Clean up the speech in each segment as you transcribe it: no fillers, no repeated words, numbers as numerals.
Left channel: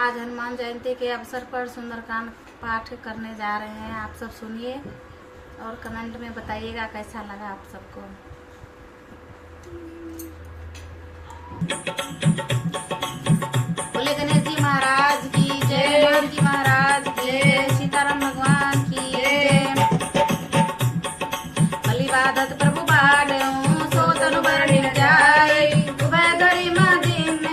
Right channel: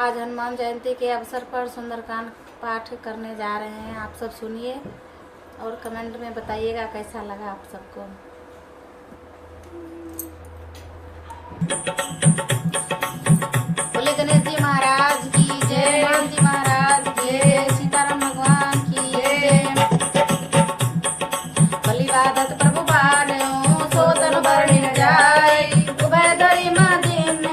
आज हनुमान जयंती के अवसर पर सुंदरकांड पाठ करने जा रहे हैं। आप सब सुनिए और कमेंट में बताइएगा कैसा लगा आप सबको। बोले गणेश जी महाराज की जय, हनुमान जी महाराज की जय, सीताराम भगवान की जय। बलिवादत प्रभु बाढ़ सोतन बरणी जाय, उभय दरी मदीन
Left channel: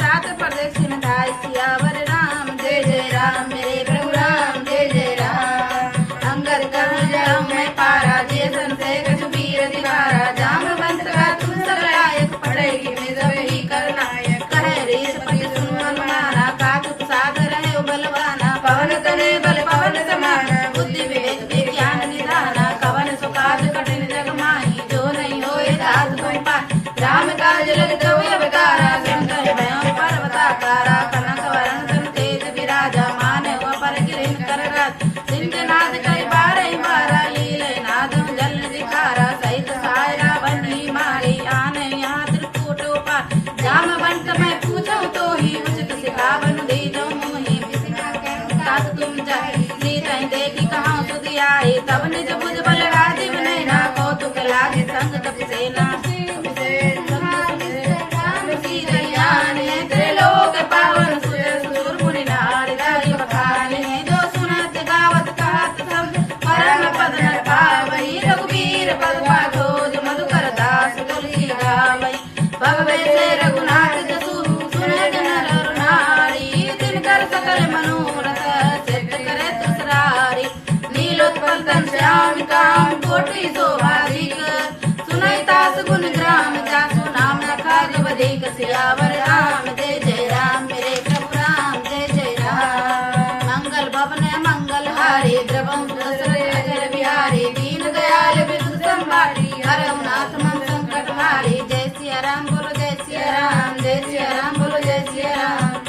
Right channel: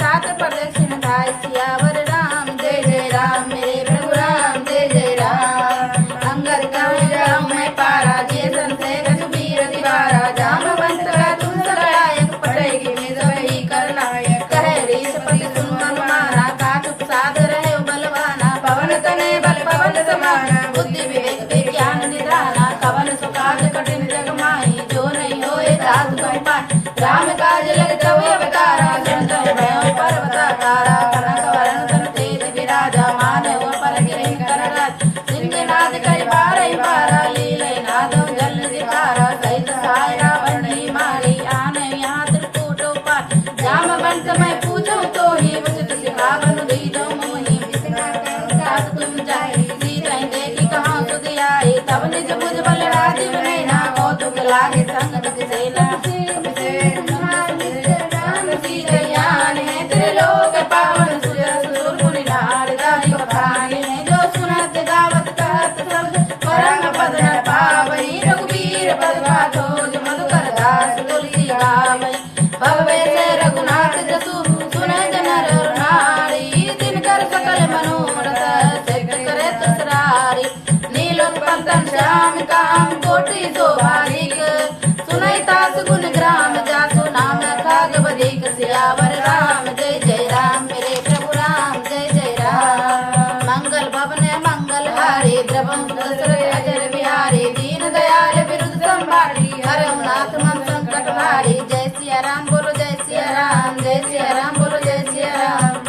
सात प्रदक्षिण धाय। सियावर राम जय जय राम, मेरे प्रभु राम जय जय राम। अंगर कहूँ मैं पारा, जैसन से कछुबीर दीवारा। जाम बंत का तुम सरलायक, पढ़ेगी में जबही कर लायक। करे रीस पति सुन हनुमाना, काचुक साध रहे बलवाना। पवन तने बल पवन समाना, बुद्धि विवेक ज्ञान निधाना। कवन सुकाज कठिन जग माही, जो नहीं होए तात तुम पाए। राम काज लग कवि अवतारा, संत भयो पर्वताकारा। कनक वरण तन तेज विराजा, मानव पर गिरिन कर राज। सिंहनाद कई बारह बारा, लीले नादम जल दिखारा। सहित साय रावण मारी, आने यहाँ त्रिकूट उपाय। राम बंस मैं पूछूं तो ही, उचित सिखावन दीजो मोहि। तात तुम जाहि, सीता देखी कहाँ सुधि आई। तब निज भुज बल राजीव नैना, कौतुक लागे संग कपि सेना। त्रिलोक पावन सुर मुनि नारद बखाने। जो सुनत गावत कहत सब, परम पद न पावई। रघुबीर पद पाठो जो मधुकर दास, तुलसी गावई। भगवे से रघुनाथ जसु, सुने जन नर नारी। तिनकर सकल मनोरथ, सिद्ध करे तुसरारी। नीलोत्पल श्याम काम, कोटि शोभाधिक। सुनई तास गुण ग्राम, जासु नाम रखा बधिक। सियावर राम जय जय राम, मेरे प्रभु राम जय जय राम। मंगल भवन मंगल हारी, द्रवम अजर बिहारी। दीन दयाल विरुद्ध संभारी, हरम नाथ मन संकट भारी। जय सिया राम बोलो जय सिया राम, जय सिया राम बोलो जय सिया राम।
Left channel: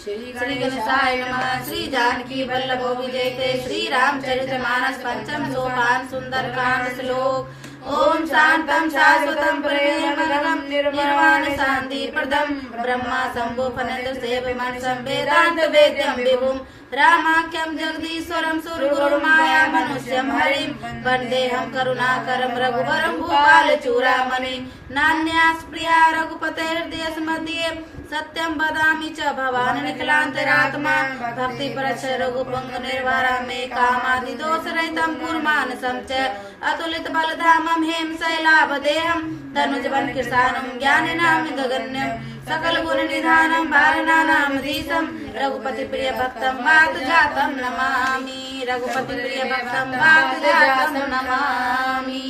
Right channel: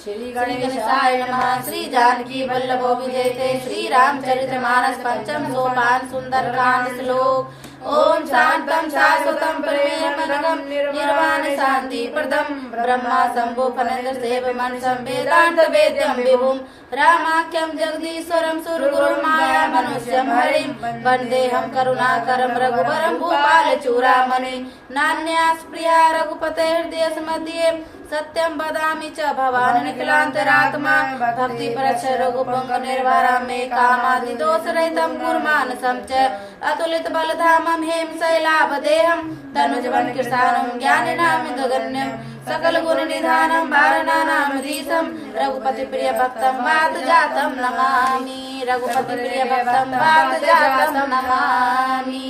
श्री गणेशाय नमः। श्री जानकी वल्लभो विजयते, श्री रामचरित मानस पंचम सोपान। सुंदरकांड श्लोक। ओम शांतम शाश्वतम प्रेमनगम, निर्वाण शांति प्रदम। ब्रह्मा शंभु फनेन्द्र सेव मनसं, वेदांत वेद्यम विभुम। रामाख्यम जगदीश्वरम, सुरगुरु माया मनुष्यम हरिम। वंदेहम करुणाकरम, रघुवरम भूपाल चूड़ामणि। नान्यास प्रिया रघुपते हृदय मध्ये, सत्यम वदामि च भवान् निखिलान्तरात्मा। भक्ति परच रघुपंग निर्वारा, मे कामादि दोष रहितम गुरुमानसं च। अतुलित बलधामं हेम शैलाभदेहं, तनुजवन कृशानं ज्ञानिनां गगन्यं। सकल गुण निधानं वारणानां धीशं, रघुपति प्रिय भक्तं वात जातं नमामि। रघुपति प्रिय भक्तं वात जातं नमामि।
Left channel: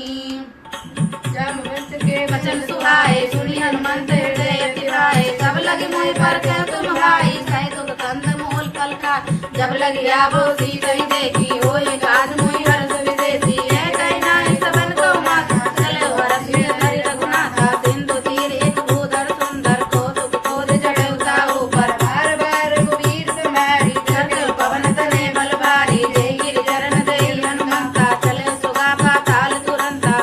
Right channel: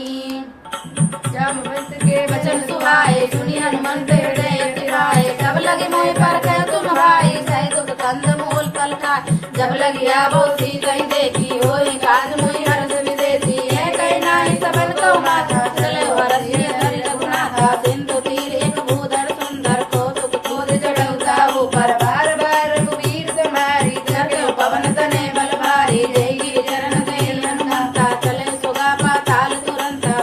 वचन सुहाए सुनि हनुमंत हृदय सिहाए। जब लगे मोहि परखै तुम भाई, सहि दुख कंद मूल फल खाय। जब लगी आबो सीता देखी, होय काज मोहि हरष विदेशी। है कहि नाहि सबन कौ माथा, चले हरष धरि रघुनाथा। सिंधु तीर एक भूधर सुंदर, कौतुक क्रोध जड़उ ताहू पर। बार बार रघुवीर समारी, जट पवन तनय बल भारी। जय गिरि चरण जय हनुमंता, चले सुगा पाताल तुरंता।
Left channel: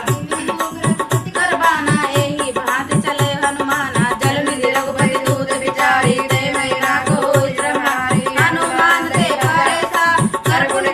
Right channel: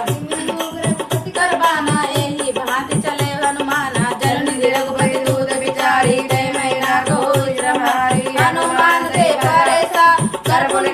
करबाना एहि भांति चले हनुमाना, जल निधि रघुपति दूत विचारी। जय मैना को श्रम हारी, हनुमान देखा रे सा, कर पुनि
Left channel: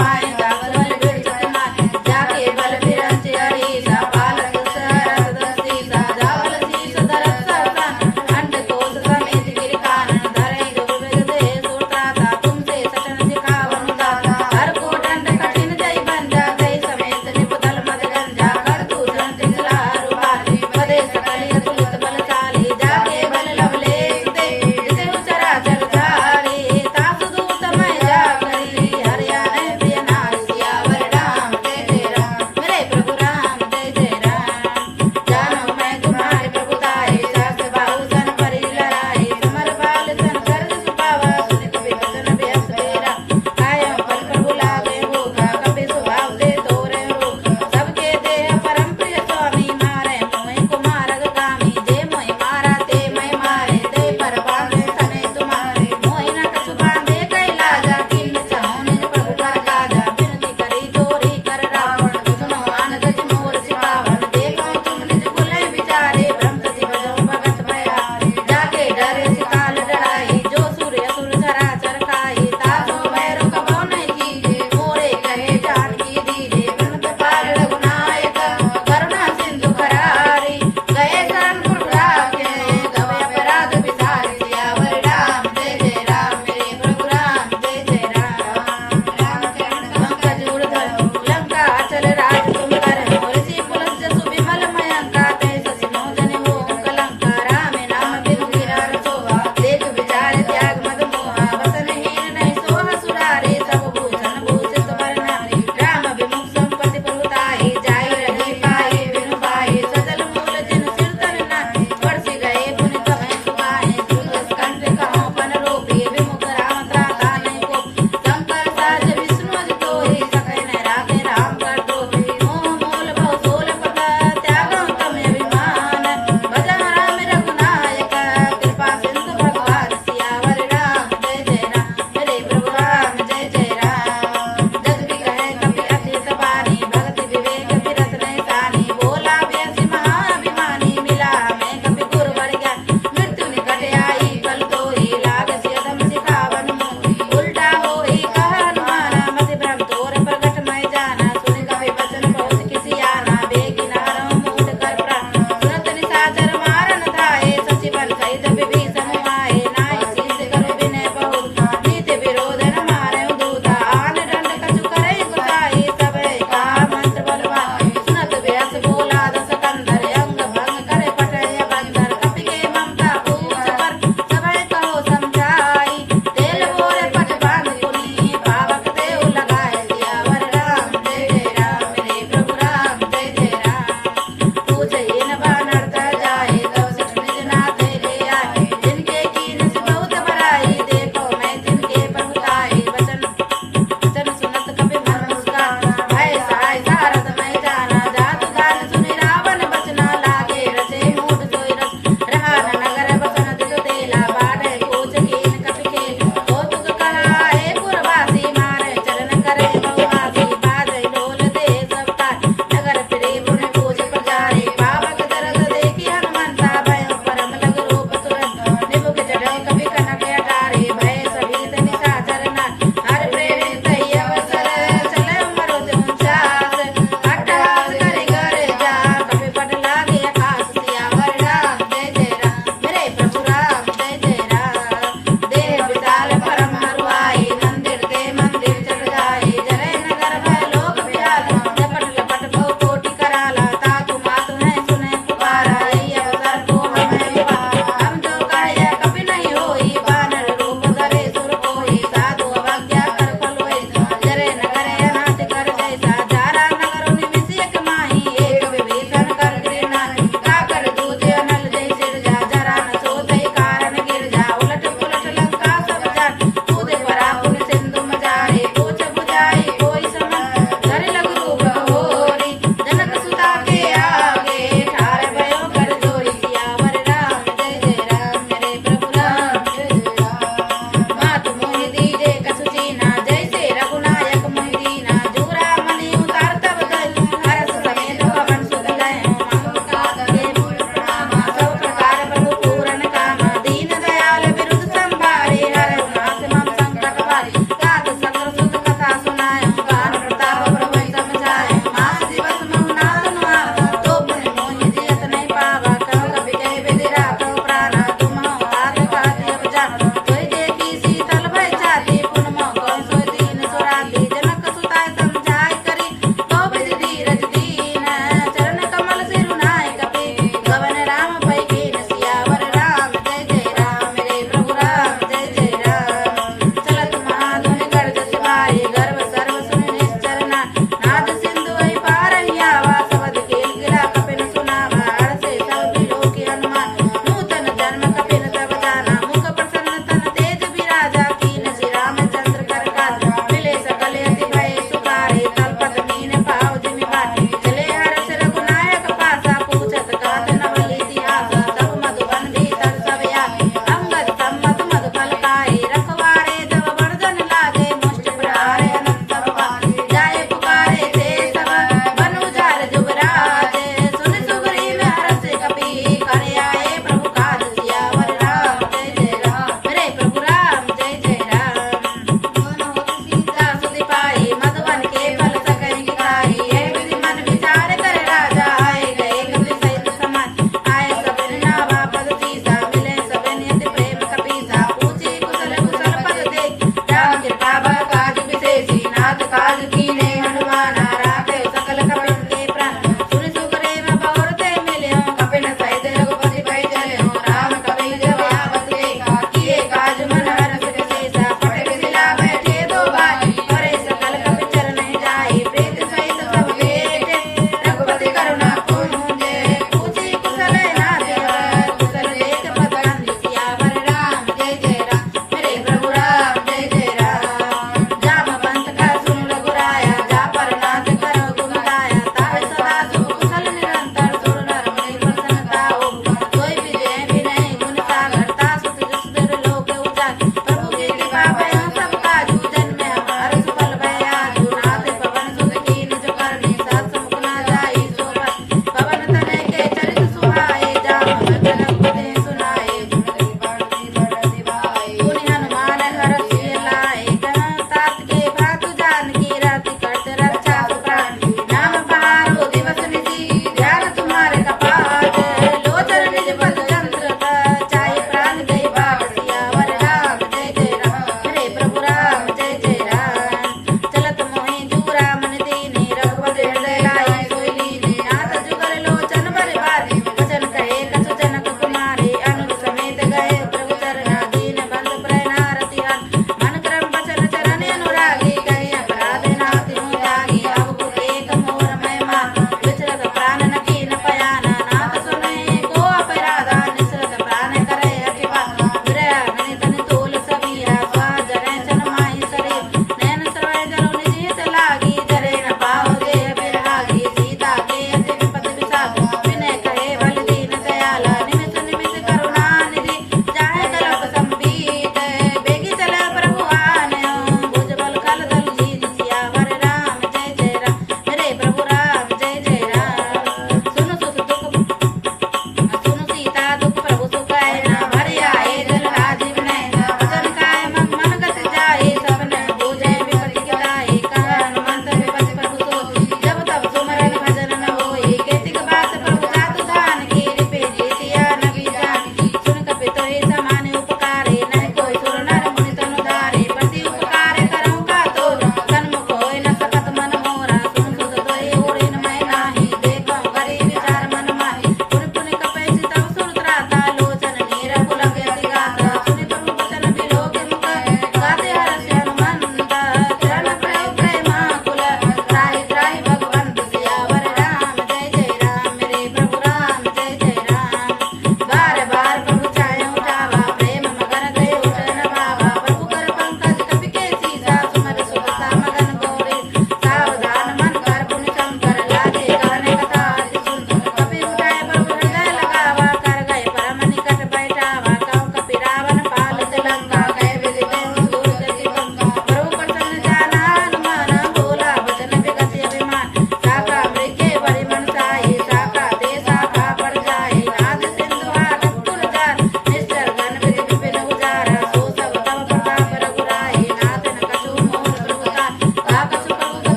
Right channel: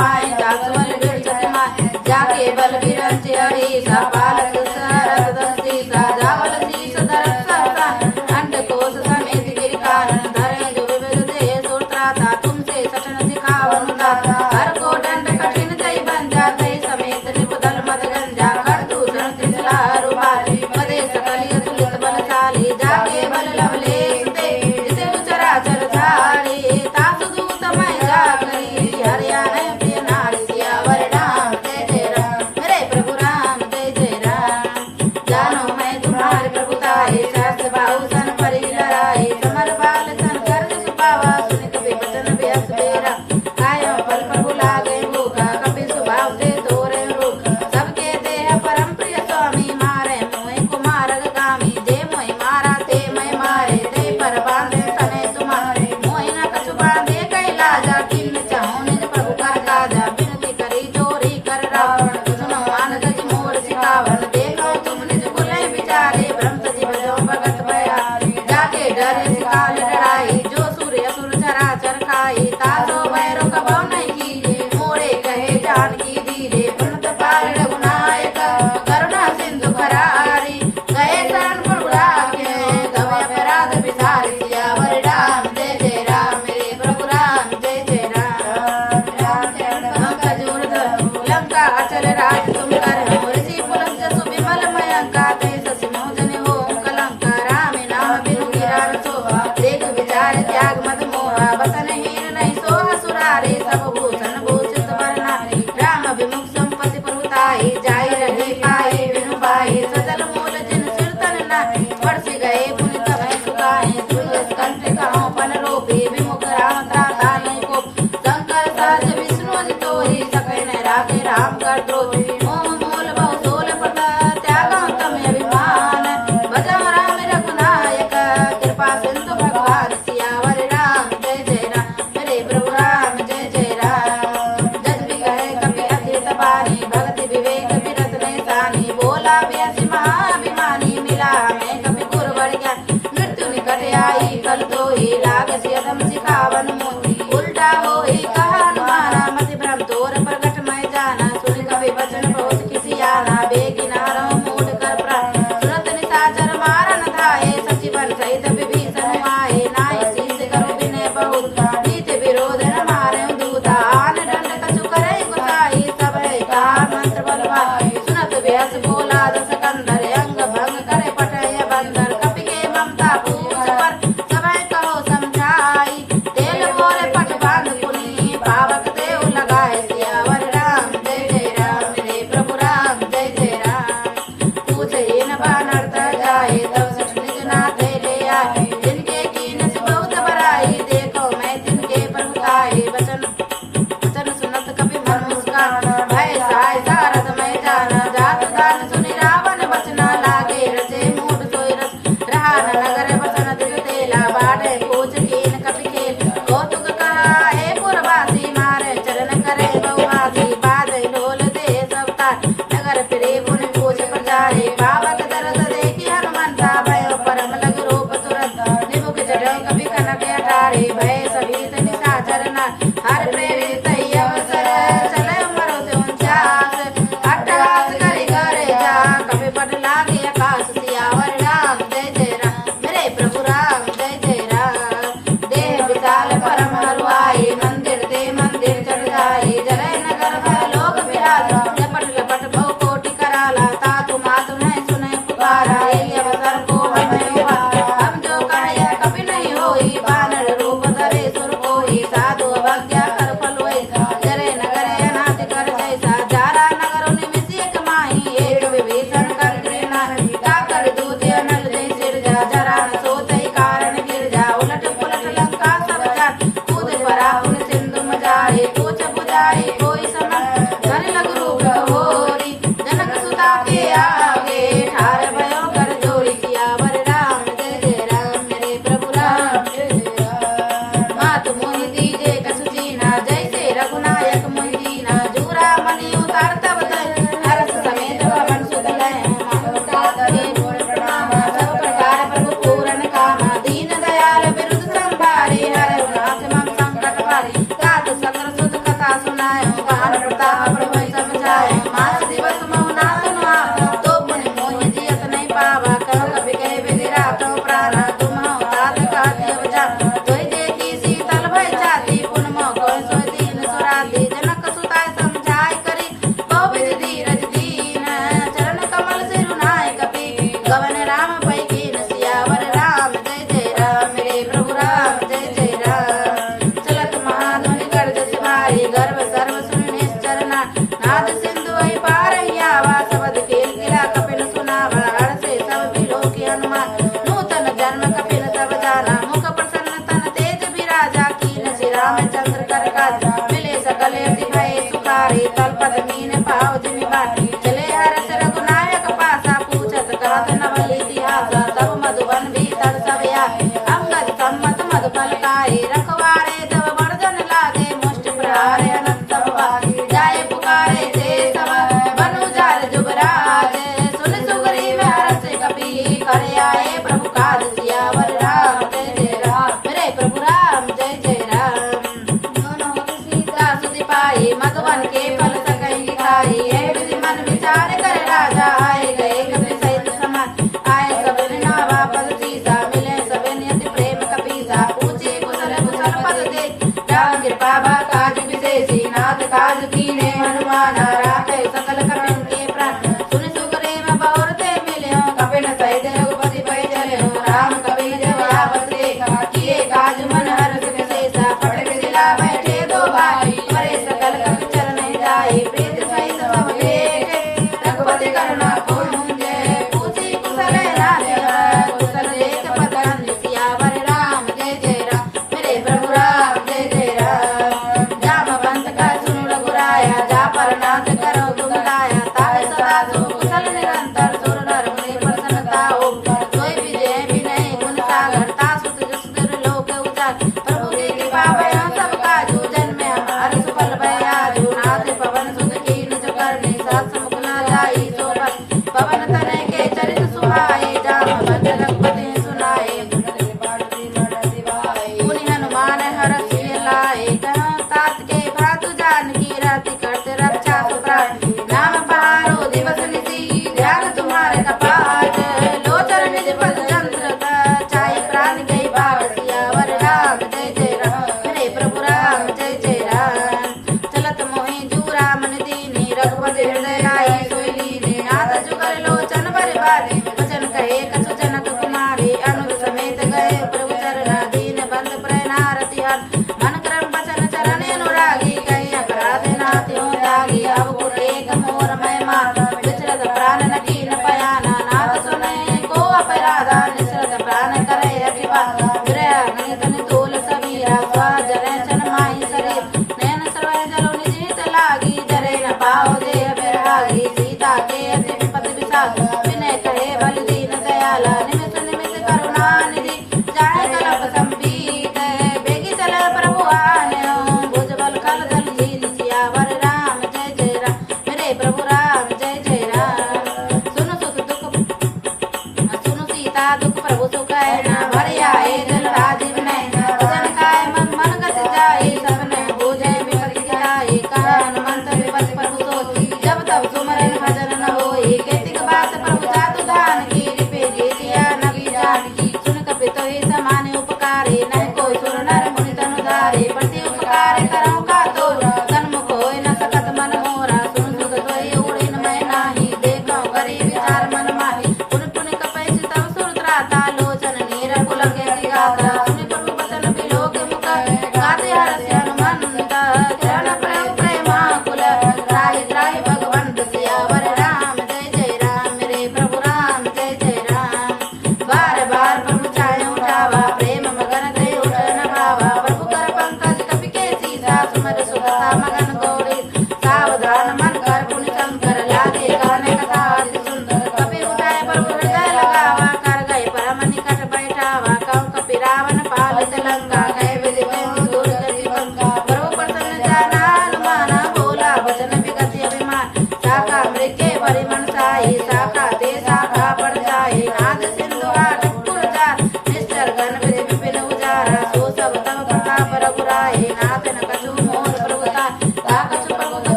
पाए जात बल बिरचत माए जाके बल बिरंच अड़ीसा पालक सरस दस्तीसा जावल शीस धरत सहसा अंड कोस समेत गिर कारण धरे जो विविध देह सुरताता तुमसे सटन सिखावन दाता हर को दंड कठिन जय बन जा तय समेत निपदल मद गंजा कर दूषण तिसला रुमाली पदे सकलिय तुलित बलशाली जाके बल लवले सुते जिसे चराचर धारे तासु दूत मैं जा करी हरियाणा प्रिय नारी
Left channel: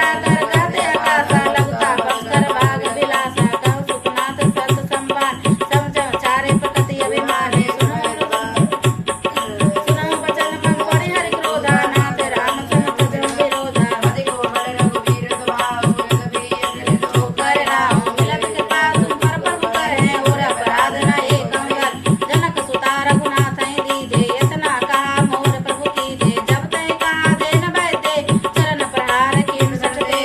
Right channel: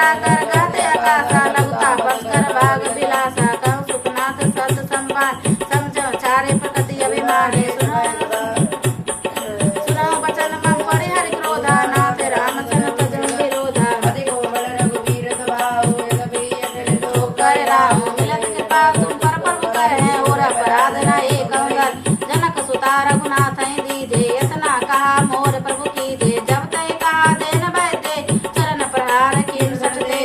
कराकर गाते आकाशा लगता बंकर भाग विलासा कहूँ सुखनाथ सत संपान समझ चारे प्रकृति अभिमानी सुनो बचन मन परिहरि क्रोधा नाथ राम सन भजन विरोधा तो कर राम मिलन कृपा तुम पर प्रभु करे और अपराध न एक अंगल जनक सुता रघुनाथ दीजे इतना कहा मोर प्रभु कीजे जब तय कहा देन बैठे चरण प्रहार किन सच दे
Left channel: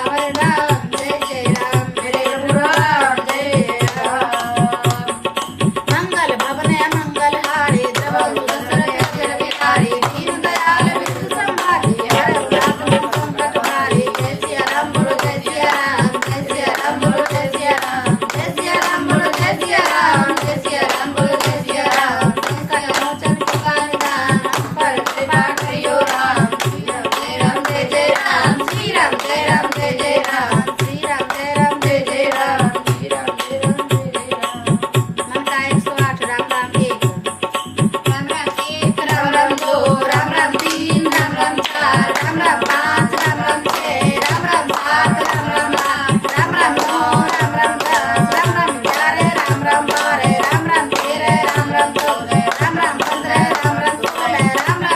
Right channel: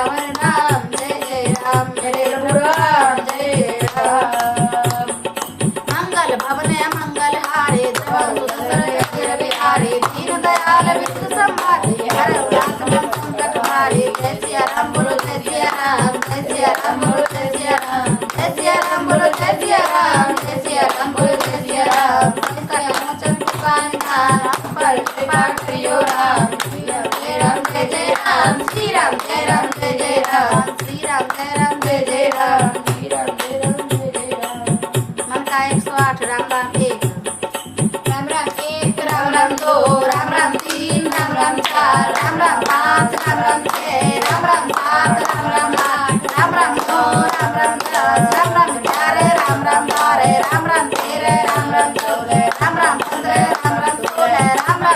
राम हरे राम जय जय राम हरे राम जय राम मंगल भवन मंगल हारे द्रवहु दशरथ बिहारी दीन दयाल विष्णु संहारी हर उल्लास मन संकट हारे जय सिया राम बोलो जय सिया राम जय सिया राम बोलो जय सिया राम जय सिया राम बोलो जय सिया राम जय सिया राम बोलो जय सिया राम संकट मोचन कृपा निदान हम पर कृपा करियो राम श्री राम जय जय राम श्री राम जय राम जय जय राम श्री राम जय राम जय जय राम श्री राम जय राम जय जय राम मन का 108 राम राम 1 राम राम 1 राम राम 2 राम राम 3 राम राम 4 राम राम 5 राम राम 6 राम राम 7 राम राम 8 राम राम 9 राम राम 10 राम राम 11 राम राम 12 राम राम 13 राम राम 14 राम राम 15 राम राम 16 राम राम 17 राम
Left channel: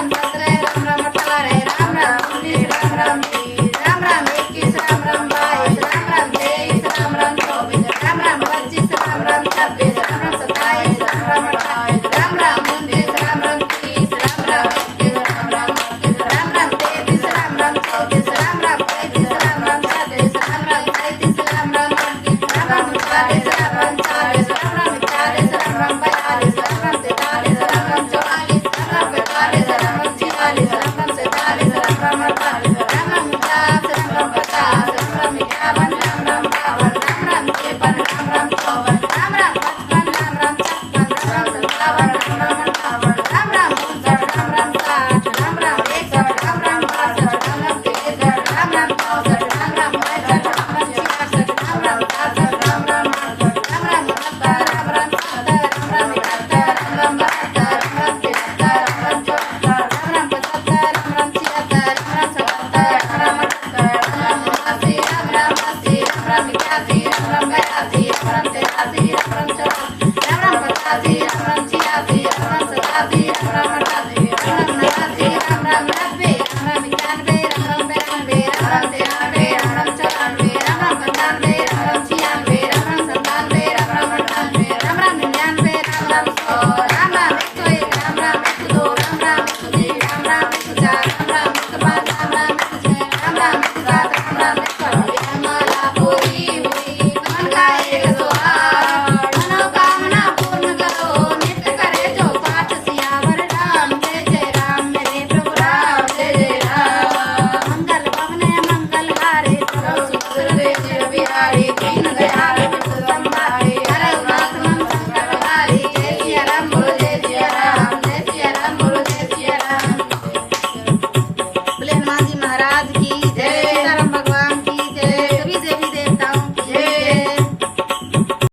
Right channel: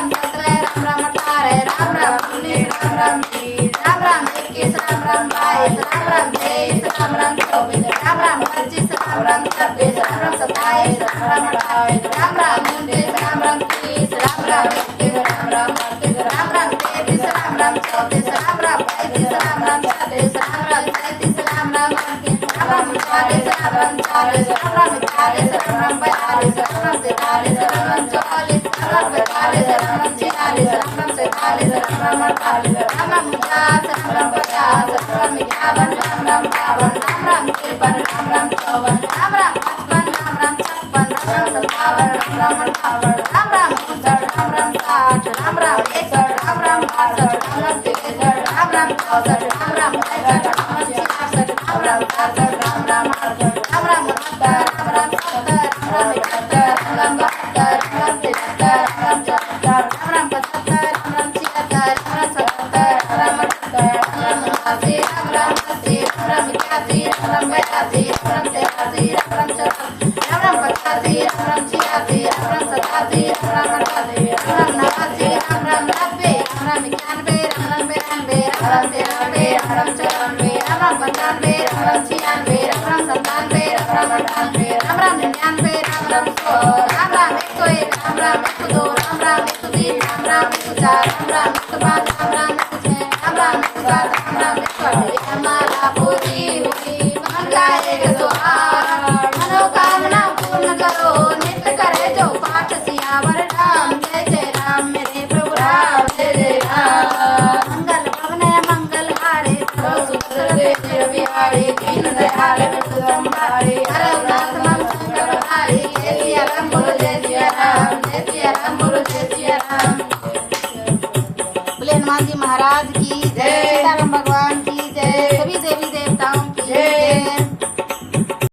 राम 18 राम राम 19 राम राम 20 राम राम 21 राम राम 22 राम राम 23 राम राम 24 राम राम 25 राम राम 26 राम राम 27 राम राम 28 राम राम 29 राम राम 30 राम राम 31 राम राम 32 राम राम 33 राम राम 34 राम राम 35 राम राम 36 राम राम 37 राम राम 38 राम राम 40 राम राम 40 राम राम 41 राम राम 42 राम राम 43 राम राम 44 राम राम 45 राम राम 46 राम राम 47 राम राम 48 राम राम 49 राम राम 50 राम राम 51 राम राम 52 राम राम 53 राम राम 54 राम राम 55 राम राम 56 राम राम 57 राम राम 58 राम राम 59 राम राम 60 राम राम 61 राम राम 62 राम राम 63 राम राम 64 राम राम 65 राम राम 66 राम राम 67 राम राम 68 राम राम 69 राम राम 70 राम राम 71 राम राम 72 राम राम 73 राम राम 74 राम राम 75 राम राम 76 राम राम 77 राम राम 78 राम राम 79 राम राम 80 राम राम 81 राम राम 82 राम राम 83 राम राम 84 राम राम 85 राम राम 86 राम राम 87 राम राम 88 राम राम 89 राम राम 90 राम राम 91